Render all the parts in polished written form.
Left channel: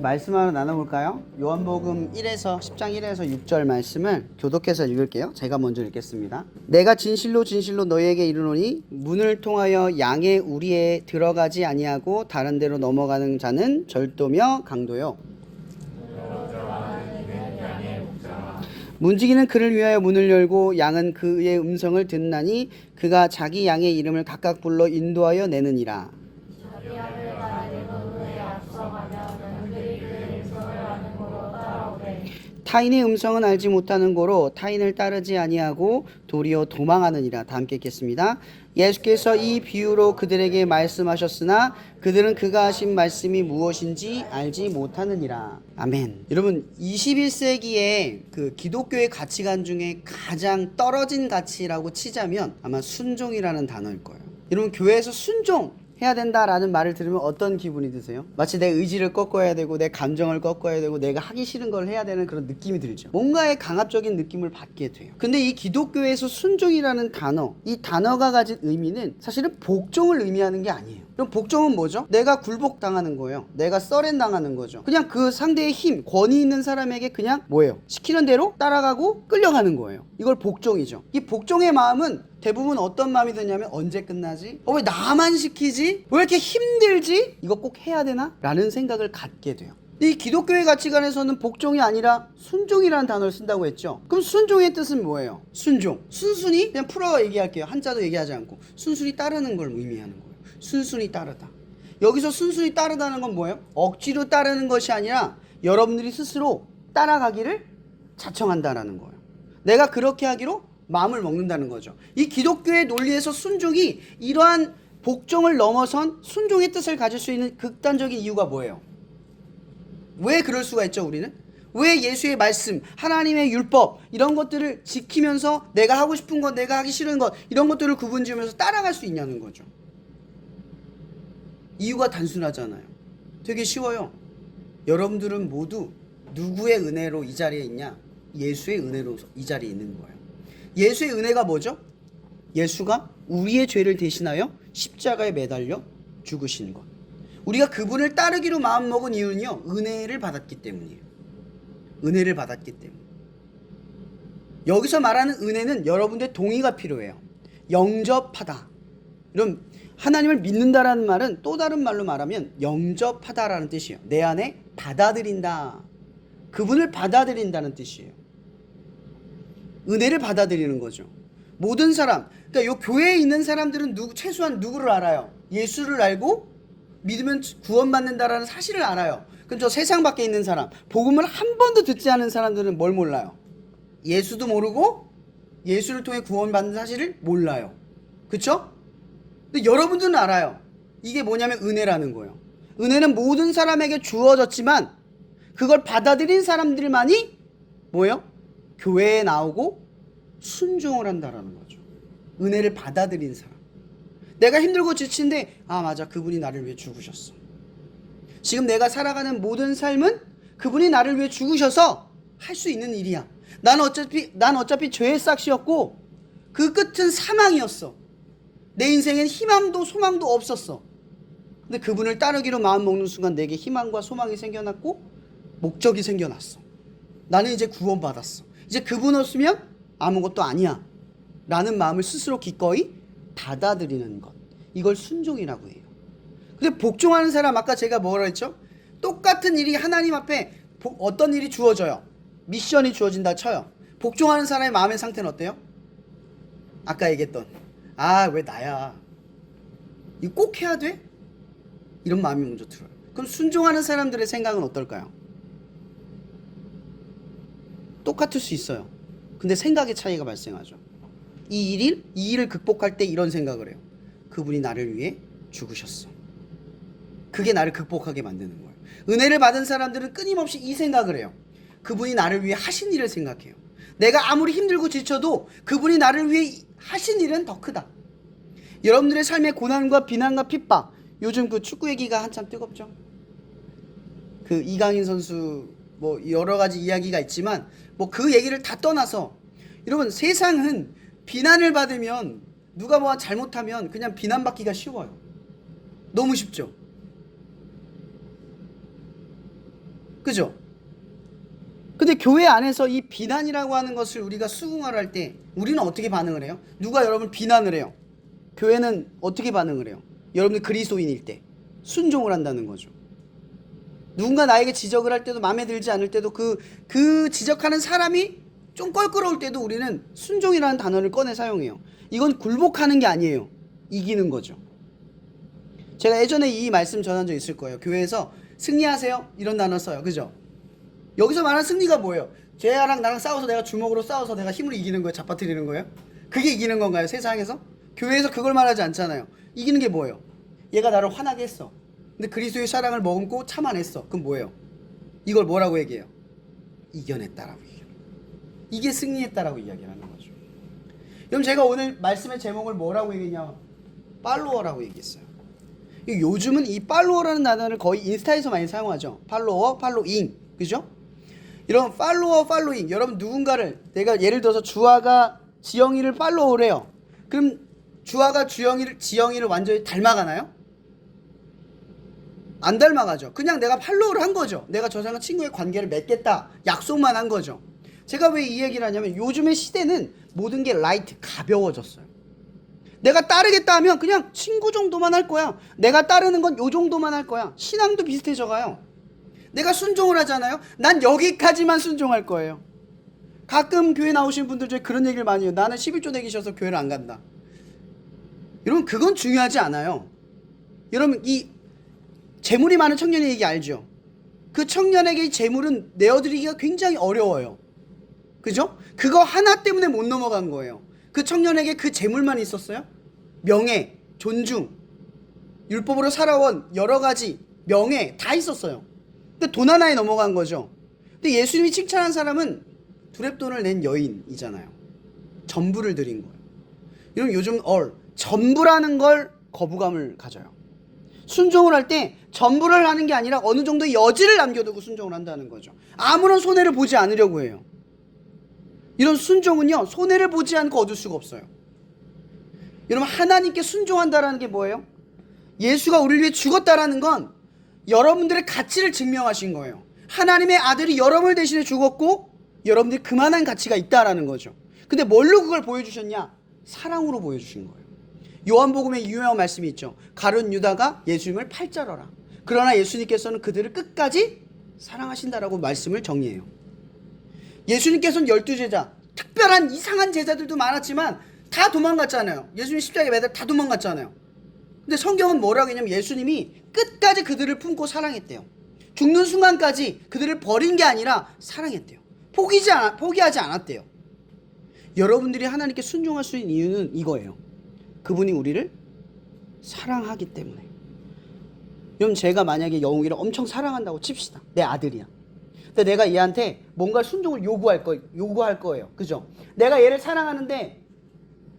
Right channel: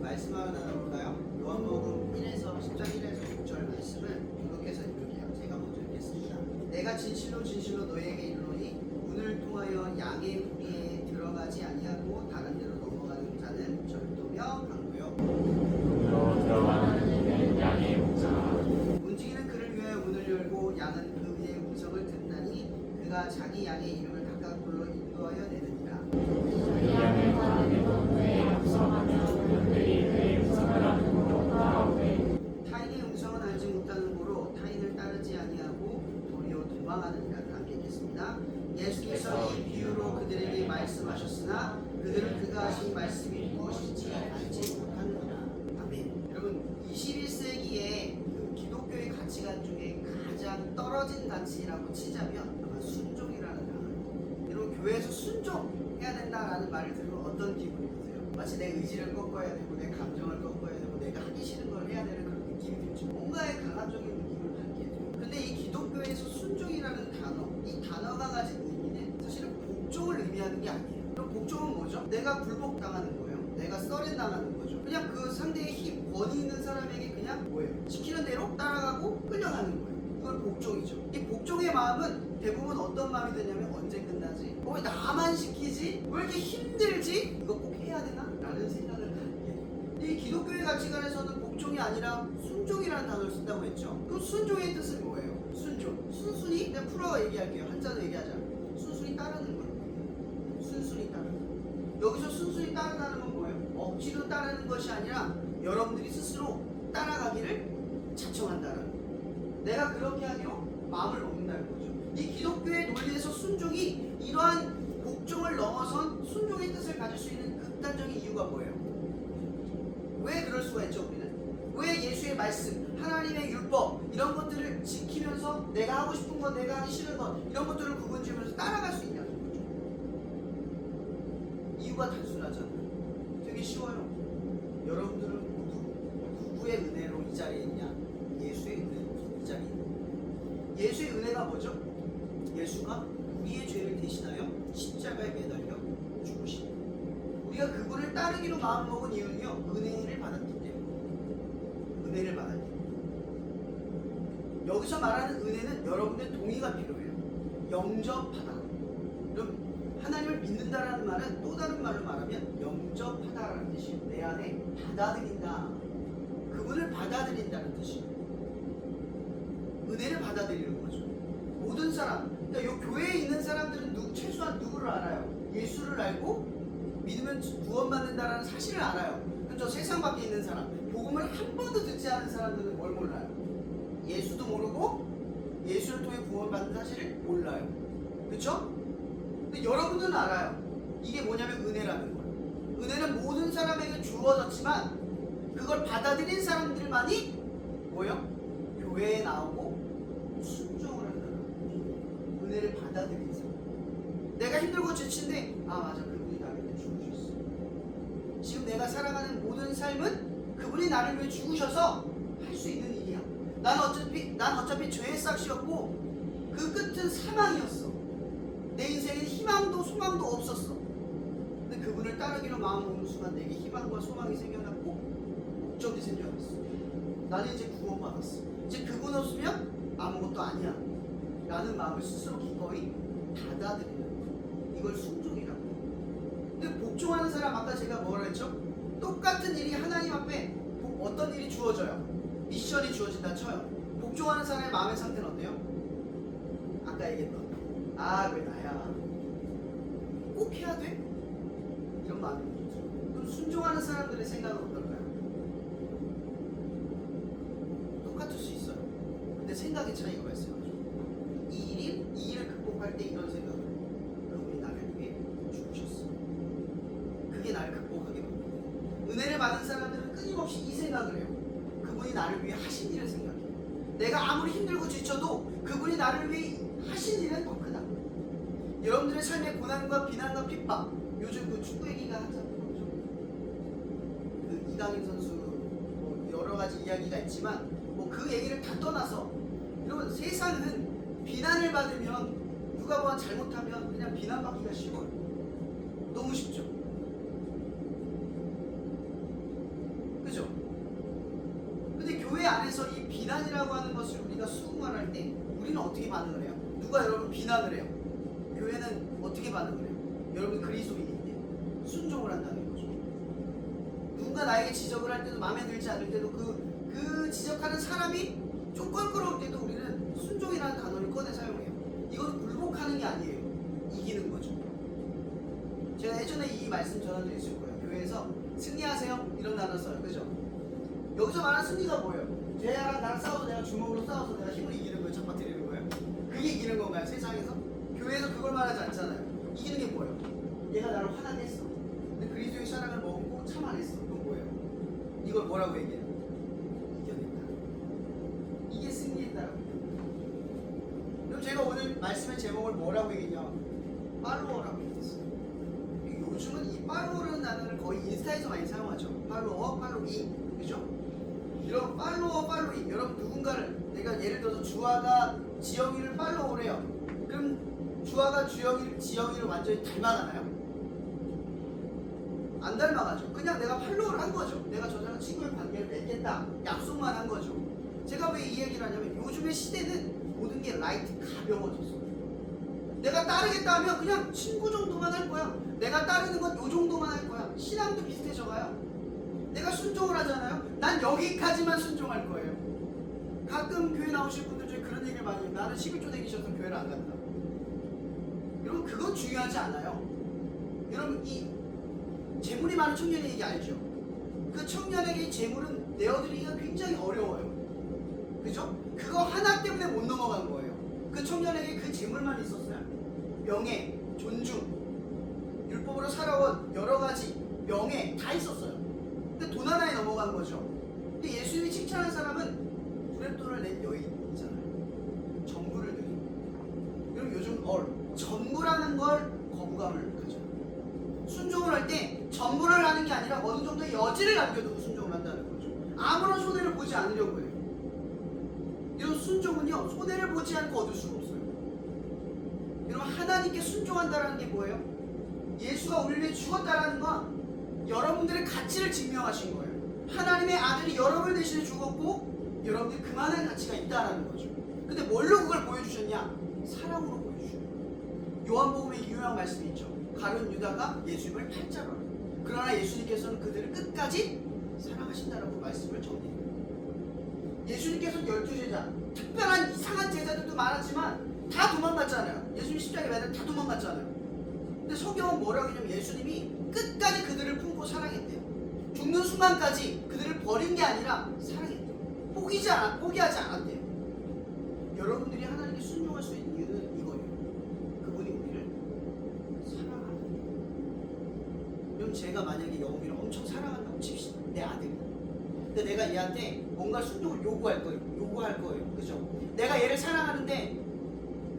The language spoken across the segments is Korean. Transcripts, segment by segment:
말씀 하나 나눠볼까요? 요한복음 1에서 10장 1에서 6절 말씀을 교독해서 읽을게요. 제가 먼저 읽겠습니다. 내가 진실로 진실로 너희에게 이르노니 문을 통하여 양의 우리에 들어가지 아니하고 다른 데로 넘어가는 자는 절도며 강도요. 문지기는 그를 위하여 문을 열고 양은 그의 음성을 듣나니 그가 자기 양의 이름을 각각 불러 인도하여 내느니라. 타인의 음성은 알지 못하는 고로 타인을 따르지 아니하고 도리어 도망하느니라. 다 함께 읽겠습니다. 예수께서 이 비유로 그들에게 말씀하셨으나 그들은 그가 하신 말씀이 무엇인지 알지 못하느니라. 아멘. 여러분, 21세기의 그 기독교의 가치관 중에 가장 떨어진 가치라고 치자면 아마 순종이라는 단어일 거예요. 여러분, 교회에서 순종 해야 된다라는 말을 들으면 어떤 기분이 드세요? 마치 내 의지를 꺾어야 되고 내 감정을 꺾어야 되고 내가 하기 싫은 걸 해야 되는 그런 느낌이 들죠. 뭔가의 강압적인 느낌을 받게 돼요. 근데 이 기독교에서 순종이라는 단어, 이 단어가 가진 의미는 사실은 복종을 의미하는 게 아니에요. 그럼 복종은 뭐죠? 내가 굴복당하는 거예요. 내가 서렌당하는 거죠. 그냥 그 상대의 힘, 권위 있는 사람에게 그냥 뭐예요? 시키는 대로 따라가고 끌려가는 거예요. 이걸 복종이죠. 이 복종의 마음은 대부분 어떤 마음이 드냐면 언제 끝나지? 왜 나만 시키지? 왜 이렇게 힘들지? 이거 꼭 해야 되나? 라는 생각을 갖게 돼요. 이 기독교의 가치관에서는 복종이 아니라 순종이라는 단어를 쓴다고 했죠. 그럼 순종의 뜻은 뭐예요? 순종. 순순히 그냥 풀어 얘기할게요. 한자도 얘기하지 않고 순순히 따르는 걸 의미하는 거예요. 순순히 따르다. 여기서 순순히 따르다는 건 뭐예요? 억지로 따르는 것이 아니라 여러분들이 스스로 따라가기를 자청한다라는 거예요. 내가 그렇게 하기로 마음을 먹는다는 거죠. 이 기독교의 논리에서 순종이 이러한 복종을 넘어선 순종의 뜻을 가질 수 있는 극단적인 이유가 뭐예요? 왜 그럴 수가 있죠, 우리는? 왜 예수의 말씀, 하나님의 율법 이런 것들을 지키면서 내가 하고 싶은 것, 내가 하기 싫은 것 이런 것들을 구분지으면서 따라갈 수 있냐는 거죠. 이유가 단순하잖아요. 되게 쉬워요. 여러분들은 모두 누구의 은혜로 이 자리에 있냐? 예수의 은혜로 이 자리에 있는 거예요. 예수의 은혜가 뭐죠? 예수가 우리의 죄를 대신하여 십자가에 매달려 죽으신 것. 우리가 그분을 따르기로 마음먹은 이유는요, 은혜를 받았기 때문이에요. 은혜를 받았기 때문에. 여기서 말하는 은혜는 여러분들의 동의가 필요해요. 영접하다. 그럼 하나님을 믿는다라는 말은 또 다른 말로 말하면 영접하다라는 뜻이에요. 내 안에 받아들인다. 그분을 받아들인다는 뜻이에요. 은혜를 받아들이는 거죠. 모든 사람, 그러니까 요 교회에 있는 사람들은 최소한 누구를 알아요? 예수를 알고 믿으면 구원받는다라는 사실을 알아요. 그럼 저 세상 밖에 있는 사람, 복음을 한 번도 듣지 않은 사람들은 뭘 몰라요? 예수도 모르고 예수를 통해 구원받는 사실을 몰라요. 그쵸? 근데 여러분들은 알아요. 이게 뭐냐면 은혜라는 거예요. 은혜는 모든 사람에게 주어졌지만 그걸 받아들인 사람들만이 뭐예요? 교회에 나오고 순종을 한다라는 거죠. 은혜를 받아들인 사람. 내가 힘들고 지친데 맞아, 그분이 나를 위해 죽으셨어. 지금 내가 살아가는 모든 삶은 그분이 나를 위해 죽으셔서 할 수 있는 일이야. 난 어차피 죄의 싹시였고 그 끝은 사망이었어. 내 인생엔 희망도 소망도 없었어. 근데 그분을 따르기로 마음먹는 순간 내게 희망과 소망이 생겨났고 목적이 생겨났어. 나는 이제 구원받았어. 이제 그분 없으면 아무것도 아니야 라는 마음을 스스로 기꺼이 받아들이는 것, 이걸 순종이라고 해요. 근데 복종하는 사람, 아까 제가 뭐라 했죠? 똑같은 일이 하나님 앞에 어떤 일이 주어져요. 미션이 주어진다 쳐요. 복종하는 사람의 마음의 상태는 어때요? 아까 얘기했던 왜 나야, 이거 꼭 해야 돼? 이런 마음이 먼저 들어요. 그럼 순종하는 사람들의 생각은 어떨까요? 똑같을 수 있어요. 근데 생각의 차이가 발생하죠. 이 일을 극복할 때 이런 생각을 해요. 그분이 나를 위해 죽으셨어. 그게 나를 극복하게 만드는 거예요. 은혜를 받은 사람들은 끊임없이 이 생각을 해요. 그분이 나를 위해 하신 일을 생각해요. 내가 아무리 힘들고 지쳐도 그분이 나를 위해 하신 일은 더 크다. 여러분들의 삶의 고난과 비난과 핍박, 요즘 그 축구 얘기가 한참 뜨겁죠. 그 이강인 선수 뭐 여러 가지 이야기가 있지만 뭐 그 얘기를 다 떠나서, 여러분 세상은 비난을 받으면, 누가 뭐 잘못하면 그냥 비난받기가 쉬워요. 너무 쉽죠. 그죠? 근데 교회 안에서 이 비난이라고 하는 것을 우리가 수긍을 할 때 우리는 어떻게 반응을 해요? 누가 여러분 비난을 해요? 교회는 어떻게 반응을 해요? 여러분들 그리스도인일 때 순종을 한다는 거죠. 누군가 나에게 지적을 할 때도 마음에 들지 않을 때도 그 지적하는 사람이 좀 껄끄러울 때도 우리는 순종이라는 단어를 꺼내 사용해요. 이건 굴복하는 게 아니에요. 이기는 거죠. 제가 예전에 이 말씀 전한 적 있을 거예요. 교회에서 승리하세요 이런 단어 써요. 그죠? 여기서 말하는 승리가 뭐예요? 쟤랑 나랑 싸워서 내가 주먹으로 싸워서 내가 힘으로 이기는 거예요? 잡아뜨리는 거예요? 그게 이기는 건가요? 세상에서? 교회에서 그걸 말하지 않잖아요. 이기는 게 뭐예요? 얘가 나를 화나게 했어. 근데 그리스도의 사랑을 머금고 참아냈어. 그럼 뭐예요? 이걸 뭐라고 얘기해요? 이겨냈다라고 얘기해요. 이게 승리했다라고 이야기하는 거죠. 그럼 제가 오늘 말씀의 제목을 뭐라고 얘기했냐? 팔로워라고 얘기했어요. 요즘은 이 팔로워라는 단어를 거의 인스타에서 많이 사용하죠. 팔로워, 팔로잉, 그죠? 이런 팔로워, 팔로잉. 여러분 누군가를 내가 예를 들어서 주아가 지영이를 팔로우를 해요. 그럼 주아가 지영이를 완전히 닮아가나요? 안 닮아가죠. 그냥 내가 팔로우를 한 거죠. 내가 저 사람과 친구의 관계를 맺겠다 약속만 한 거죠. 제가 왜 이 얘기를 하냐면 요즘의 시대는 모든 게 라이트, 가벼워졌어요. 내가 따르겠다 하면 그냥 친구 정도만 할 거야. 내가 따르는 건 요 정도만 할 거야. 신앙도 비슷해져 가요. 내가 순종을 하잖아요. 난 여기까지만 순종할 거예요. 가끔 교회 나오신 분들 중에 그런 얘기를 많이 해요. 나는 11조 내기 싫어서 교회를 안 간다. 여러분 그건 중요하지 않아요. 여러분 이 재물이 많은 청년의 얘기 알죠? 그 청년에게 이 재물은 내어드리기가 굉장히 어려워요. 그죠? 그거 하나 때문에 못 넘어간 거예요. 그 청년에게 그 재물만 있었어요? 명예, 존중, 율법으로 살아온 여러 가지 명예 다 있었어요. 근데 돈 하나에 넘어간 거죠. 근데 예수님이 칭찬한 사람은 두렙돈을 낸 여인이잖아요. 전부를 드린 거. 여러분 요즘 전부라는 걸 거부감을 가져요. 순종을 할 때 전부를 하는 게 아니라 어느 정도의 여지를 남겨두고 순종을 한다는 거죠. 아무런 손해를 보지 않으려고 해요. 이런 순종은요 손해를 보지 않고 얻을 수가 없어요. 여러분 하나님께 순종한다라는 게 뭐예요? 예수가 우리를 위해 죽었다라는 건 여러분들의 가치를 증명하신 거예요. 하나님의 아들이 여러분을 대신해 죽었고 여러분들이 그만한 가치가 있다라는 거죠. 근데 뭘로 그걸 보여주셨냐? 사랑으로 보여주신 거예요. 요한복음에 유명한 말씀이 있죠. 가룟 유다가 예수님을 팔자러라. 그러나 예수님께서는 그들을 끝까지 사랑하신다라고 말씀을 정리해요. 예수님께서는 12제자, 특별한 이상한 제자들도 많았지만 다 도망갔잖아요. 예수님 십자가에 매달 다 도망갔잖아요. 근데 성경은 뭐라고 했냐면 예수님이 끝까지 그들을 품고 사랑했대요. 죽는 순간까지 그들을 버린 게 아니라 사랑했대요. 포기하지 않았대요. 여러분들이 하나님께 순종할 수 있는 이유는 이거예요. 그분이 우리를 사랑하기 때문에. 여러분 제가 만약에 영웅이를 엄청 사랑한다고 칩시다. 내 아들이야. 근데 내가 얘한테 뭔가 순종을 요구할 거예요. 그죠? 내가 얘를 사랑하는데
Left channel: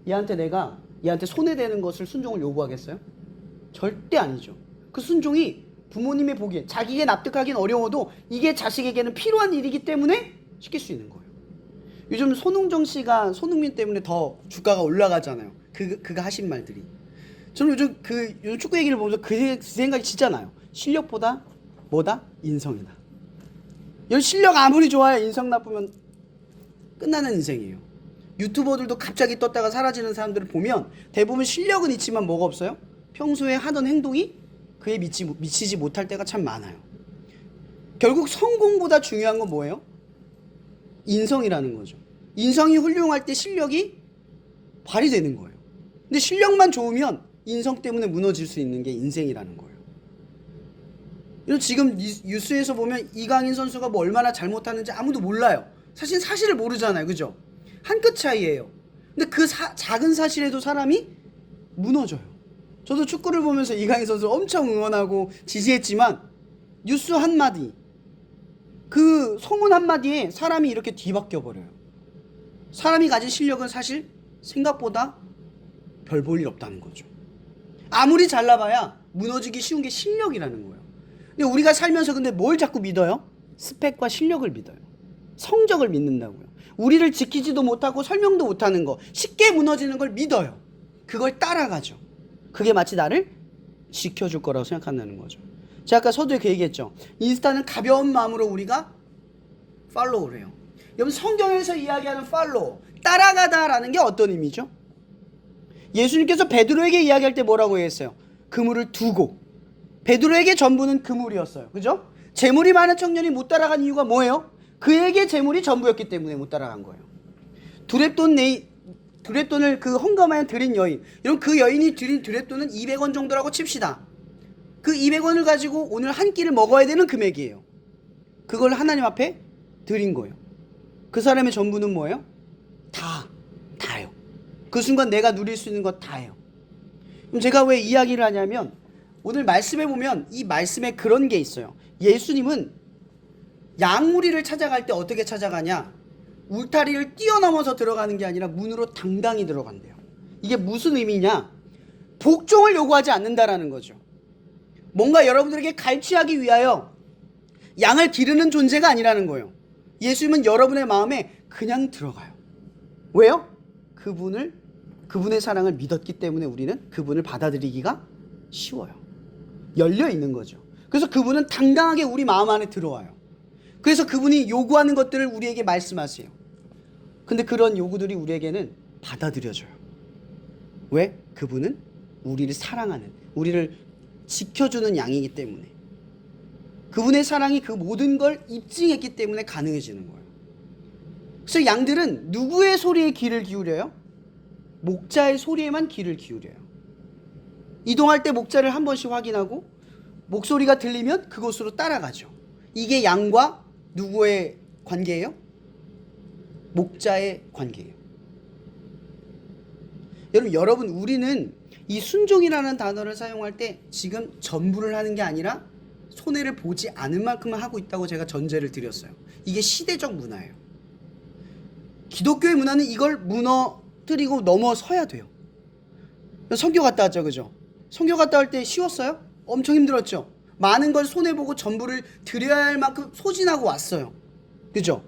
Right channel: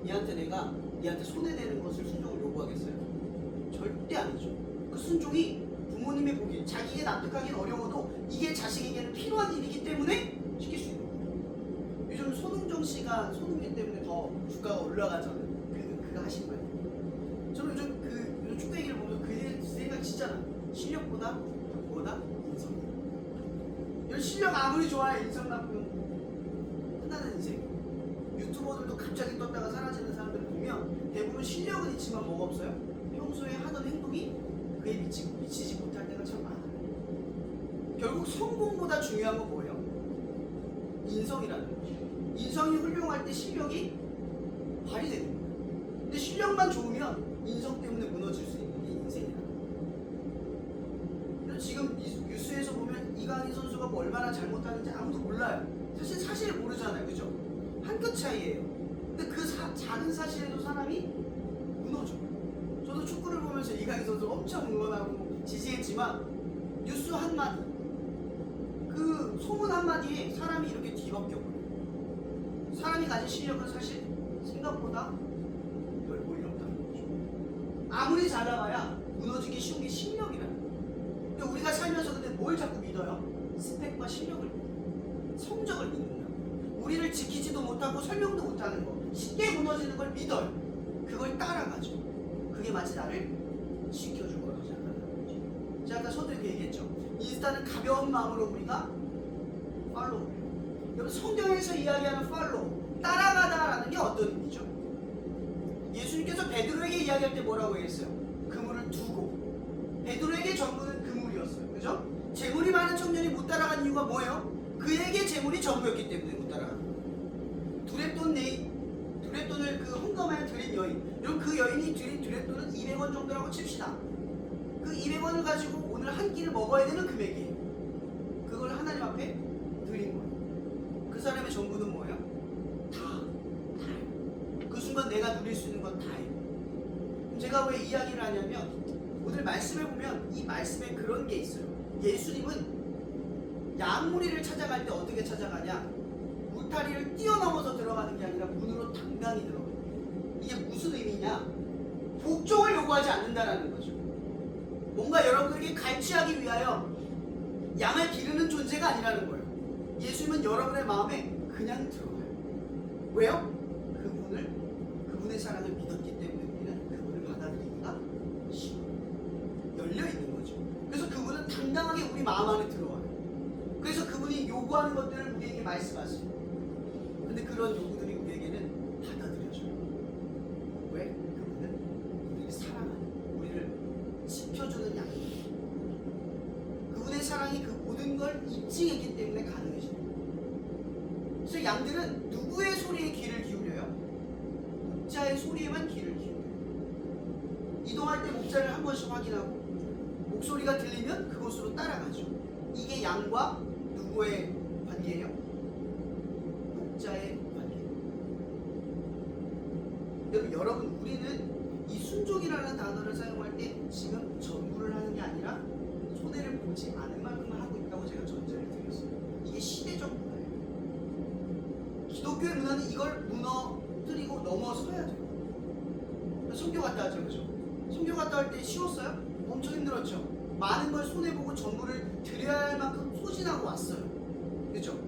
얘한테 손해되는 것을 순종을 요구하겠어요? 절대 아니죠. 그 순종이 부모님의 보기에 자기가 납득하기는 어려워도 이게 자식에게는 필요한 일이기 때문에 시킬 수 있는 거예요. 요즘 손흥정 씨가 손흥민 때문에 더 주가가 올라가잖아요. 그가 하신 말들이. 저는 요즘 축구 얘기를 보면서 그 생각이 진짜 나요. 실력보다 뭐다? 인성이다. 여기 실력 아무리 좋아야 인성 나쁘면 끝나는 인생이에요. 유튜버들도 갑자기 떴다가 사라지는 사람들을 보면 대부분 실력은 있지만 뭐가 없어요? 평소에 하던 행동이 그에 미치지 못할 때가 참 많아요. 결국 성공보다 중요한 건 뭐예요? 인성이라는 거죠. 인성이 훌륭할 때 실력이 발휘되는 거예요. 근데 실력만 좋으면 인성 때문에 무너질 수 있는 게 인생이라는 거예요. 그래서 지금 뉴스에서 보면 이강인 선수가 뭐 얼마나 잘못하는지 아무도 몰라요. 사실을 모르잖아요. 그죠? 한 끗 차이예요. 근데 그 작은 사실에도 사람이 무너져요. 저도 축구를 보면서 이강인 선수를 엄청 응원하고 지지했지만 뉴스 한마디, 그 소문 한마디에 사람이 이렇게 뒤바뀌어 버려요. 사람이 가진 실력은 사실 생각보다 별 볼 일 없다는 거죠. 아무리 잘나봐야 무너지기 쉬운 게 실력이라는 거예요. 근데 우리가 살면서 근데 뭘 자꾸 믿어요? 스펙과 실력을 믿어요. 성적을 믿는다고요. 우리를 지키지도 못하고 설명도 못하는 거, 쉽게 무너지는 걸 믿어요. 그걸 따라가죠. 그게 마치 나를 지켜줄 거라고 생각한다는 거죠. 제가 아까 서두에 그 얘기했죠. 인스타는 가벼운 마음으로 우리가 팔로우를 해요. 여러분 성경에서 이야기하는 팔로우, 따라가다라는 게 어떤 의미죠? 예수님께서 베드로에게 이야기할 때 뭐라고 했어요? 그물을 두고. 베드로에게 전부는 그물이었어요. 그죠? 재물이 많은 청년이 못 따라간 이유가 뭐예요? 그에게 재물이 전부였기 때문에 못 따라간 거예요. 두렛돈을 그 헌금하여 드린 여인, 여러분 그 여인이 드린 두렛돈은 200원 정도라고 칩시다. 그 200원을 가지고 오늘 한 끼를 먹어야 되는 금액이에요. 그걸 하나님 앞에 드린 거예요. 그 사람의 전부는 뭐예요? 다예요. 그 순간 내가 누릴 수 있는 건 다예요. 그럼 제가 왜 이야기를 하냐면 오늘 말씀에 보면 이 말씀에 그런 게 있어요. 예수님은 양무리를 찾아갈 때 어떻게 찾아가냐? 울타리를 뛰어넘어서 들어가는 게 아니라 문으로 당당히 들어간대요. 이게 무슨 의미냐? 복종을 요구하지 않는다라는 거죠. 뭔가 여러분들에게 갈취하기 위하여 양을 기르는 존재가 아니라는 거예요. 예수님은 여러분의 마음에 그냥 들어가요. 왜요? 그분의 사랑을 믿었기 때문에 우리는 그분을 받아들이기가 쉬워요. 열려 있는 거죠. 그래서 그분은 당당하게 우리 마음 안에 들어와요. 그래서 그분이 요구하는 것들을 우리에게 말씀하세요. 근데 그런 요구들이 우리에게는 받아들여져요. 왜? 그분은 우리를 사랑하는, 우리를 지켜주는 양이기 때문에, 그분의 사랑이 그 모든 걸 입증했기 때문에 가능해지는 거예요. 그래서 양들은 누구의 소리에 귀를 기울여요? 목자의 소리에만 귀를 기울여요. 이동할 때 목자를 한 번씩 확인하고 목소리가 들리면 그곳으로 따라가죠. 이게 양과 누구의 관계예요? 목자의 관계예요. 여러분 우리는 이 순종이라는 단어를 사용할 때 지금 전부를 하는 게 아니라 손해를 보지 않을 만큼만 하고 있다고 제가 전제를 드렸어요. 이게 시대적 문화예요. 기독교의 문화는 이걸 무너뜨리고 넘어서야 돼요. 선교 갔다 왔죠, 그죠? 선교 갔다 올 때 쉬웠어요? 엄청 힘들었죠. 많은 걸 손해보고 전부를 드려야 할 만큼 소진하고 왔어요. 그죠?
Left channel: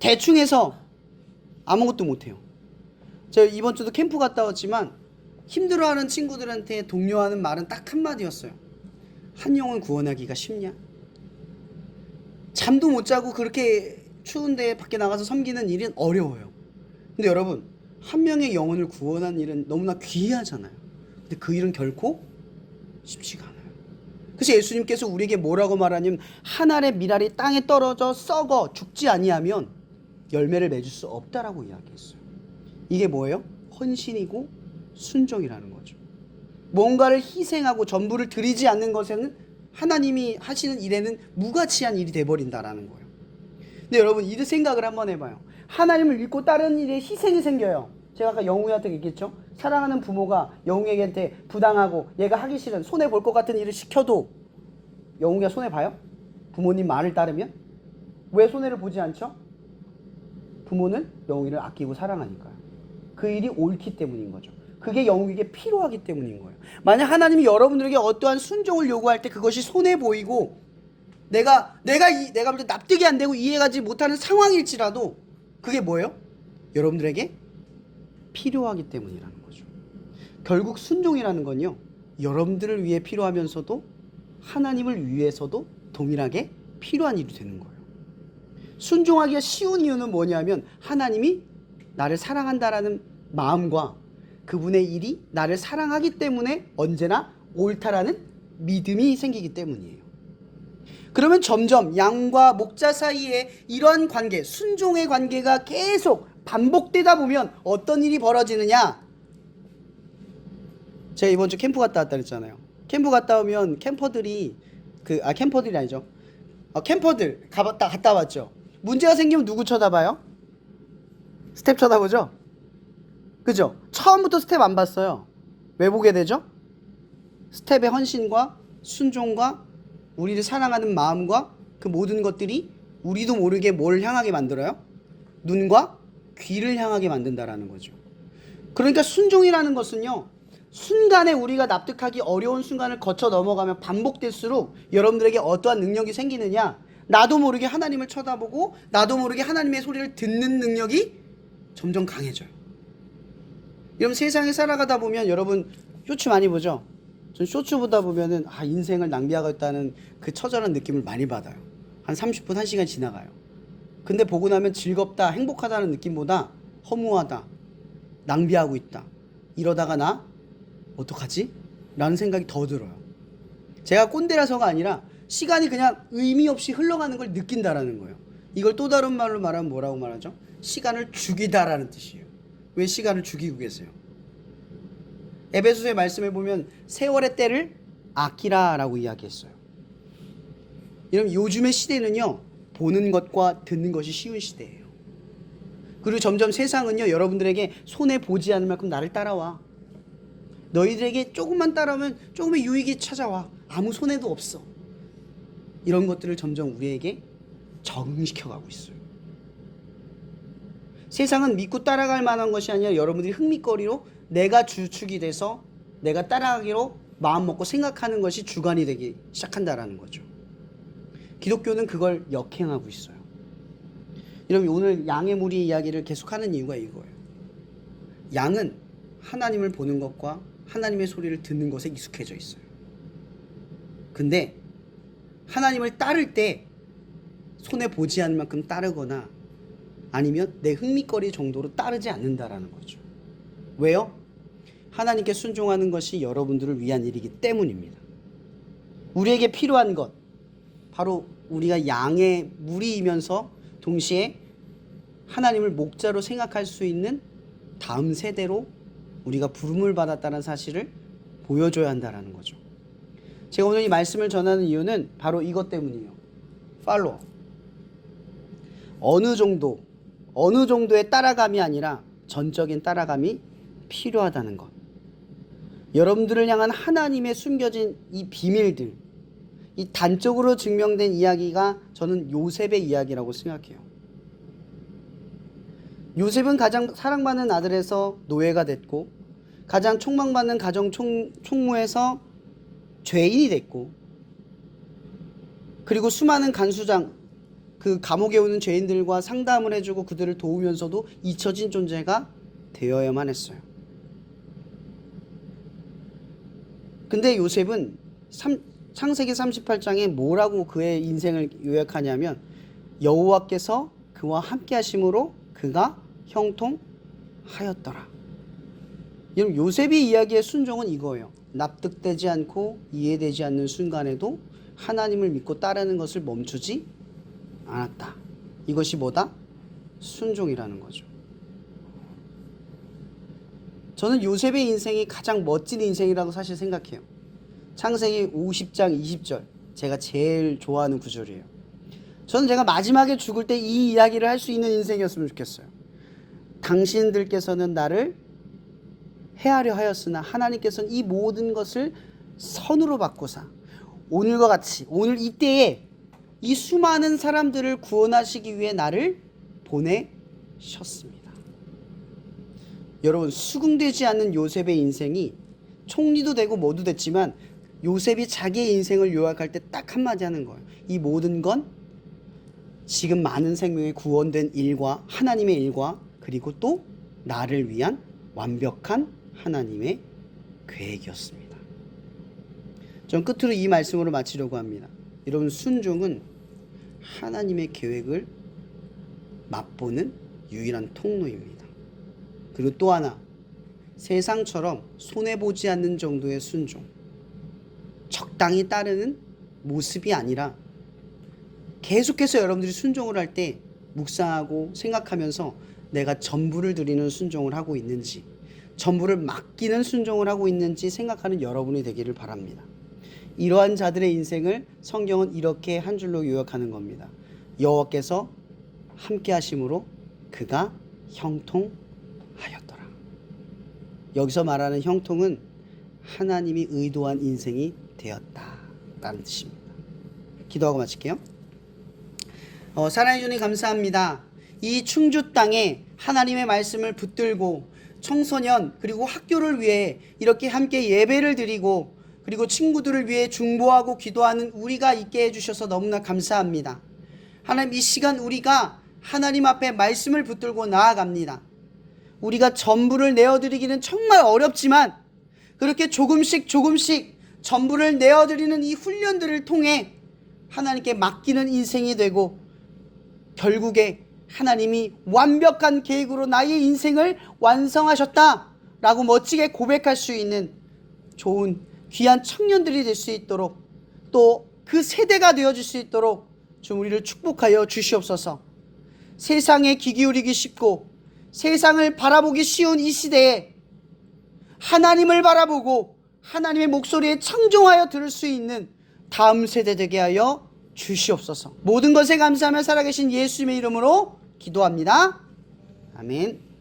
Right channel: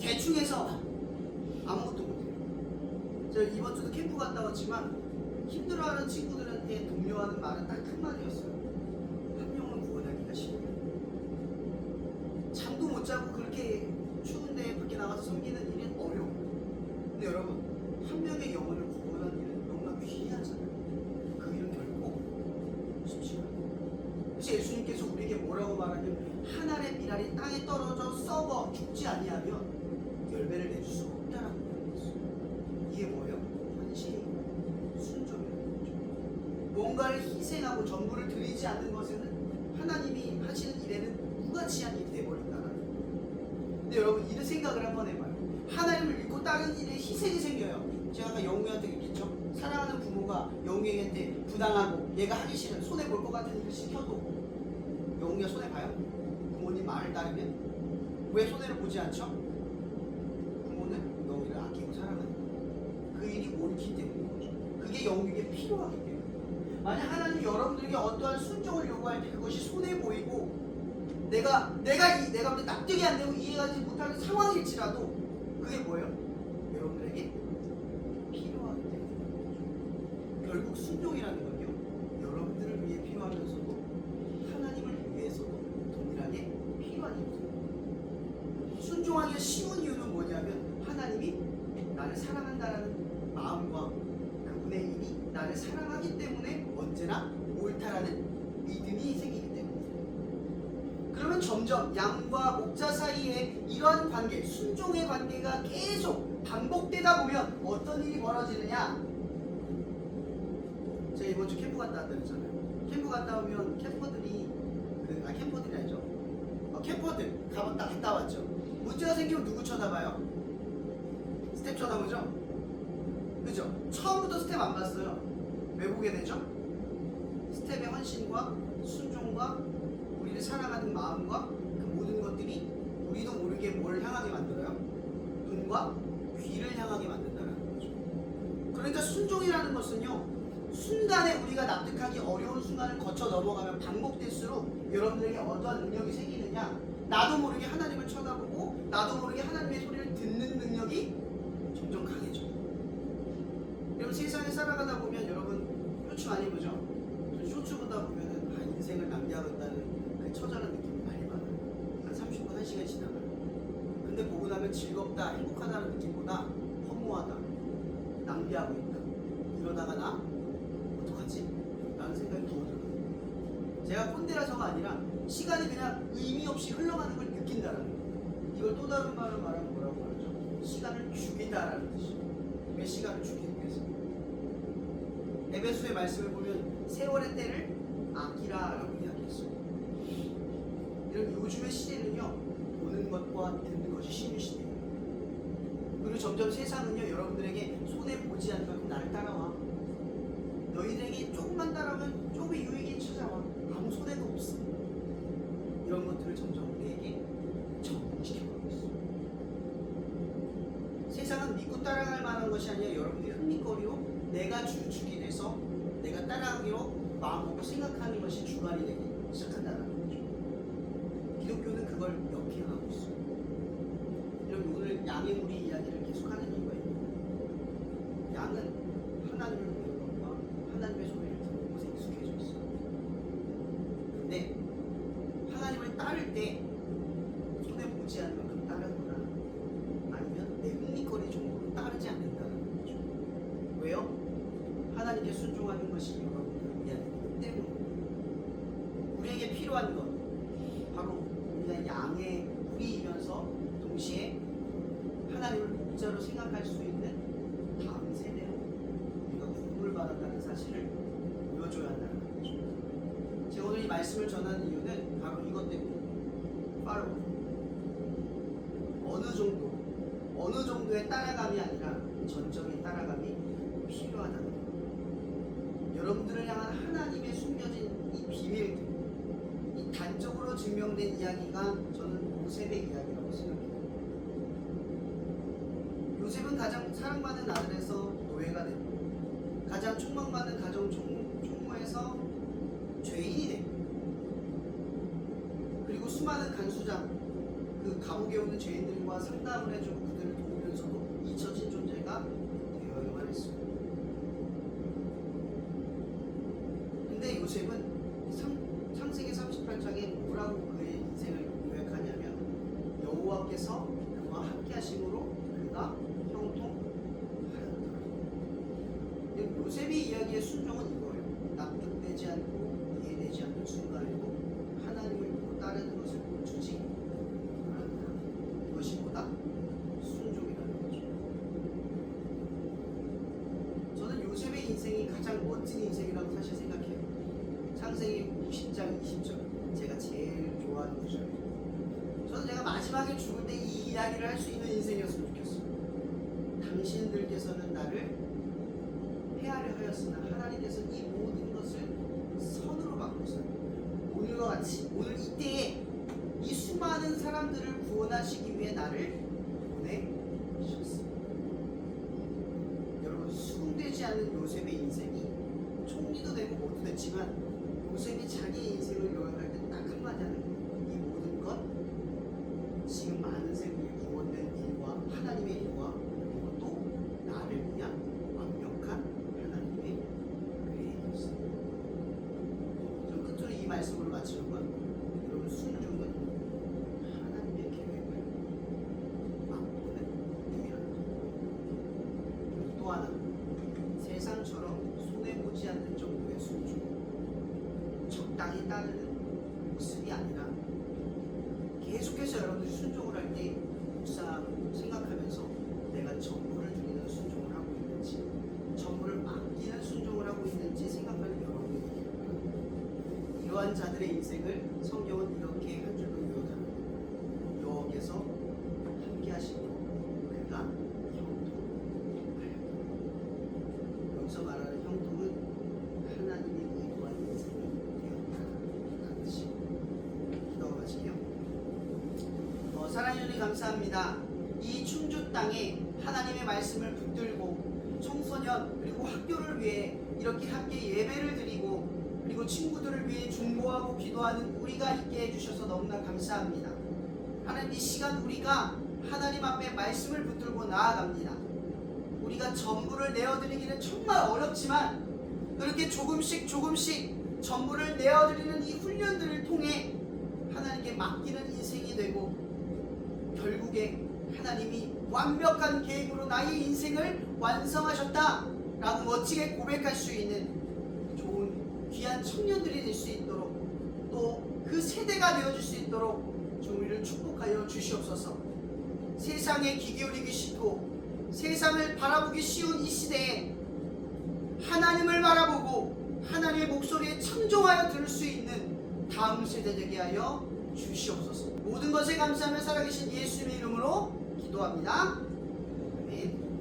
대충 해서 아무것도 못해요. 제가 이번 주도 캠프 갔다 왔지만 힘들어하는 친구들한테 독려하는 말은 딱 한마디였어요. 한 영혼 구원하기가 쉽냐? 잠도 못 자고 그렇게 추운데 밖에 나가서 섬기는 일은 어려워요. 근데 여러분, 한 명의 영혼을 구원하는 일은 너무나 귀하잖아요. 근데 그 일은 결코 쉽지가 않아요. 그래서 예수님께서 우리에게 뭐라고 말하냐면 한 알의 밀알이 땅에 떨어져 썩어 죽지 아니하면 열매를 맺을 수 없다라고 이야기했어요. 이게 뭐예요? 헌신이고 순종이라는 거죠. 뭔가를 희생하고 전부를 드리지 않는 것에는 하나님이 하시는 일에는 무가치한 일이 돼버린다라는 거예요. 근데 여러분 이 생각을 한번 해봐요. 하나님을 믿고 다른 일에 희생이 생겨요. 제가 아까 영우한테 얘기했죠. 사랑하는 부모가 영우에게 부당하고 얘가 하기 싫은 손해볼 것 같은 일을 시켜도 영우가 손해봐요? 부모님 말을 따르면? 왜 손해를 보지 않죠? 부모는 영우를 아끼고 사랑하니까요. 그 일이 옳기 때문인 거죠. 그게 영우에게 필요하기 때문인 거예요. 만약 하나님이 여러분들에게 어떠한 순종을 요구할 때 그것이 손해 보이고 내가 납득이 안 되고 이해가지 못하는 상황일지라도 그게 뭐예요? 여러분들에게 필요하기 때문이라는 거죠. 결국 순종이라는 건요, 여러분들을 위해 필요하면서도 하나님을 위해서도 동일하게 필요한 일이 되는 거예요. 순종하기가 쉬운 이유는 뭐냐면 하나님이 나를 사랑한다라는 마음과 그분의 일이 나를 사랑하기 때문에 언제나 옳다라는 믿음이 생기기 때문이에요. 그러면 점점 양과 목자 사이에 이런 관계, 순종의 관계가 계속 반복되다 보면 어떤 일이 벌어지느냐? 제가 이번 주 캠프 갔다 왔다 그랬잖아요. 캠프 갔다 오면 캠퍼들이 캠퍼들이 아니죠. 캠퍼들 갔다 왔죠. 문제가 생기면 누구 쳐다봐요? 스텝 쳐다보죠? 그죠? 처음부터 스텝 안 봤어요. 왜 보게 되죠? 스텝의 헌신과 순종과 우리를 사랑하는 마음과 그 모든 것들이 우리도 모르게 뭘 향하게 만들어요? 눈과 귀를 향하게 만든다라는 거죠. 그러니까 순종이라는 것은요, 순간에 우리가 납득하기 어려운 순간을 거쳐 넘어가면 반복될수록 여러분들에게 어떠한 능력이 생기느냐? 나도 모르게 하나님을 쳐다보고 나도 모르게 하나님의 소리를 듣는 능력이 점점 강해져요. 여러분 세상에 살아가다 보면 여러분 쇼츠 많이 보죠? 전 쇼츠 보다 보면은 인생을 낭비하고 있다는 그 처절한 느낌을 많이 받아요. 한 30분, 1시간 지나가요. 근데 보고 나면 즐겁다, 행복하다는 느낌보다 허무하다, 낭비하고 있다, 이러다가 나 어떡하지? 라는 생각이 더 들어요. 제가 꼰대라서가 아니라 시간이 그냥 의미 없이 흘러가는 걸 느낀다라는 거예요. 이걸 또 다른 말로 말하면 뭐라고 말하죠? 시간을 죽이다라는 뜻이에요. 왜 시간을 죽이고 계세요? 에베소서의 말씀에 보면 세월의 때를 아끼라라고 이야기했어요. 여러분, 요즘의 시대는요, 보는 것과 듣는 것이 쉬운 시대예요. 그리고 점점 세상은요, 여러분들에게 손해 보지 않을 만큼 나를 따라와. 너희들에게 조금만 따라오면 조금의 유익이 찾아와. 아무 손해도 없어. 이런 것들을 점점 우리에게 적응시켜가고 있어요. 세상은 믿고 따라갈 만한 것이 아니라 여러분들이 흥미거리로 내가 주축이 돼서 내가 따라가기로 마음먹고 생각하는 것이 주관이 되기 시작한다라는 거죠. 기독교는 그걸 역행하고 있어요. 여러분, 오늘 양의 무리 이야기를 계속하는 이유가 이거예요. 양은 하나님을 보는 것과 하나님의 소리를 듣는 것에 익숙해져 있어요. 근데 하나님을 따를 때 손해 보지 않을 만큼 따르거나 아니면 내 흥미거리 정도로 따르지 않는다라는 거죠. 왜요? 하나님께 순종하는 것이 여러분들을 위한 일이기 때문입니다. 우리에게 필요한 것, 바로 우리가 양의 무리이면서 동시에 하나님을 목자로 생각할 수 있는 다음 세대로 우리가 부름을 받았다는 사실을 보여줘야 한다는 거죠. 제가 오늘 이 말씀을 전하는 이유는 바로 이것 때문이에요. 팔로워. 어느 정도의 따라감이 아니라 전적인 따라감이 필요하다는 것. 여러분들을 향한 하나님의 숨겨진 이 비밀들, 이 단적으로 증명된 이야기가 저는 요셉의 이야기라고 생각해요. 요셉은 가장 사랑받는 아들에서 노예가 됐고, 가장 촉망받는 가정 총무에서 죄인이 됐고, 그리고 수많은 간수장, 그 감옥에 오는 죄인들과 상담을 해주고 그들을 도우면서도 잊혀진 존재가 되어야만 했어요. 근데 요셉은 창세기 38장에 뭐라고 그의 인생을 요약하냐면, 여호와께서 그와 함께 하심으로 그가 형통하였더라. 여러분, 요셉의 이야기의 순종은 이거예요. 납득되지 않고 이해되지 않는 순간에도 하나님을 믿고 따르는 것을 멈추지 않았다. 이것이 뭐다? 순종이라는 거죠. 저는 요셉의 인생이 가장 멋진 인생이라고 사실 생각해요. 창세기 50장 20절, 제가 제일 좋아하는 구절이에요. 저는 제가 마지막에 죽을 때 이 이야기를 할 수 있는 인생이었으면 좋겠어요. 당신들께서는 나를 해하려 하였으나 하나님께서는 이 모든 것을 선으로 바꾸사 오늘과 같이 오늘 이때에 이 수많은 사람들을 구원하시기 위해 나를 보내셨습니다. 여러분, 수긍되지 않는 요셉의 인생이 총리도 되고 뭐도 됐지만, 요셉이 자기의 인생을 요약할 때 딱 한마디 하는 거예요. 이 모든 건 지금 많은 생명이 구원된 일과 하나님의 일과 그리고 또 나를 위한 완벽한 하나님의 계획이었습니다. 전 끝으로 이 말씀으로 마치려고 합니다. 여러분, 순종은 하나님의 계획을 맛보는 유일한 통로입니다. 그리고 또 하나, 세상처럼 손해보지 않는 정도의 순종, 적당히 따르는 모습이 아니라 계속해서 여러분들이 순종을 할 때 묵상하고 생각하면서 내가 전부를 드리는 순종을 하고 있는지, 전부를 맡기는 순종을 하고 있는지 생각하는 여러분이 되기를 바랍니다. 이러한 자들의 인생을 성경은 이렇게 한 줄로 요약하는 겁니다. 여호와께서 함께 하심으로 그가 형통하였더라. 여기서 말하는 형통은 하나님이 의도한 인생이 되었다라는 뜻입니다. 기도하고 마칠게요. 사랑해 주님 감사합니다. 이 충주 땅에 하나님의 말씀을 붙들고 청소년 그리고 학교를 위해 이렇게 함께 예배를 드리고 그리고 친구들을 위해 중보하고 기도하는 우리가 있게 해주셔서 너무나 감사합니다. 하나님, 이 시간 우리가 하나님 앞에 말씀을 붙들고 나아갑니다. 우리가 전부를 내어드리기는 정말 어렵지만 그렇게 조금씩 전부를 내어드리는 이 훈련들을 통해 하나님께 맡기는 인생이 되고 결국에 하나님이 완벽한 계획으로 나의 인생을 완성하셨다라고 멋지게 고백할 수 있는 좋은 귀한 청년들이 될 수 있도록 또 그 세대가 되어줄 수 있도록 좀 우리를 축복하여 주시옵소서. 세상에 귀 기울이기 쉽고 세상을 바라보기 쉬운 이 시대에 하나님을 바라보고 하나님의 목소리에 청종하여 들을 수 있는 다음 세대 되게 하여 주시옵소서. 모든 것에 감사하며 살아계신 예수님의 이름으로 기도합니다. 아멘.